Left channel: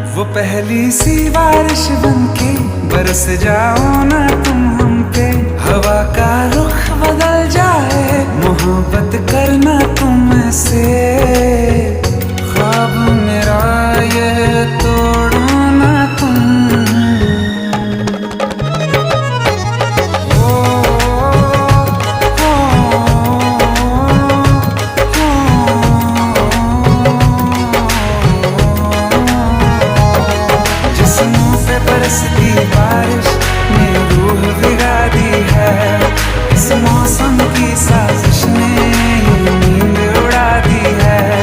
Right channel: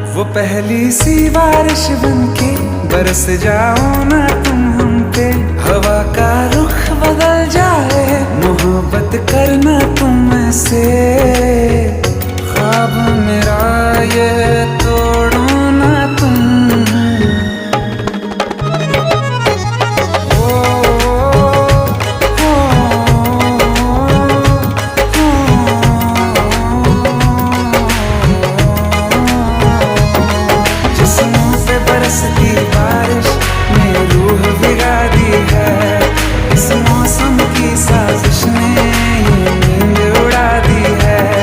वो पहली सी बारिश बनके बरस जाओ ना तुम हम पे, हवा का रुख बदल जाए, मोहब्बत करना तुम से। ख्वाब मेरा ये तोड़ो ना तुम। बरसती बारिश ने रूह भिगा दी है, इस मौसम की साजिश ने ये नींद उड़ा दी है।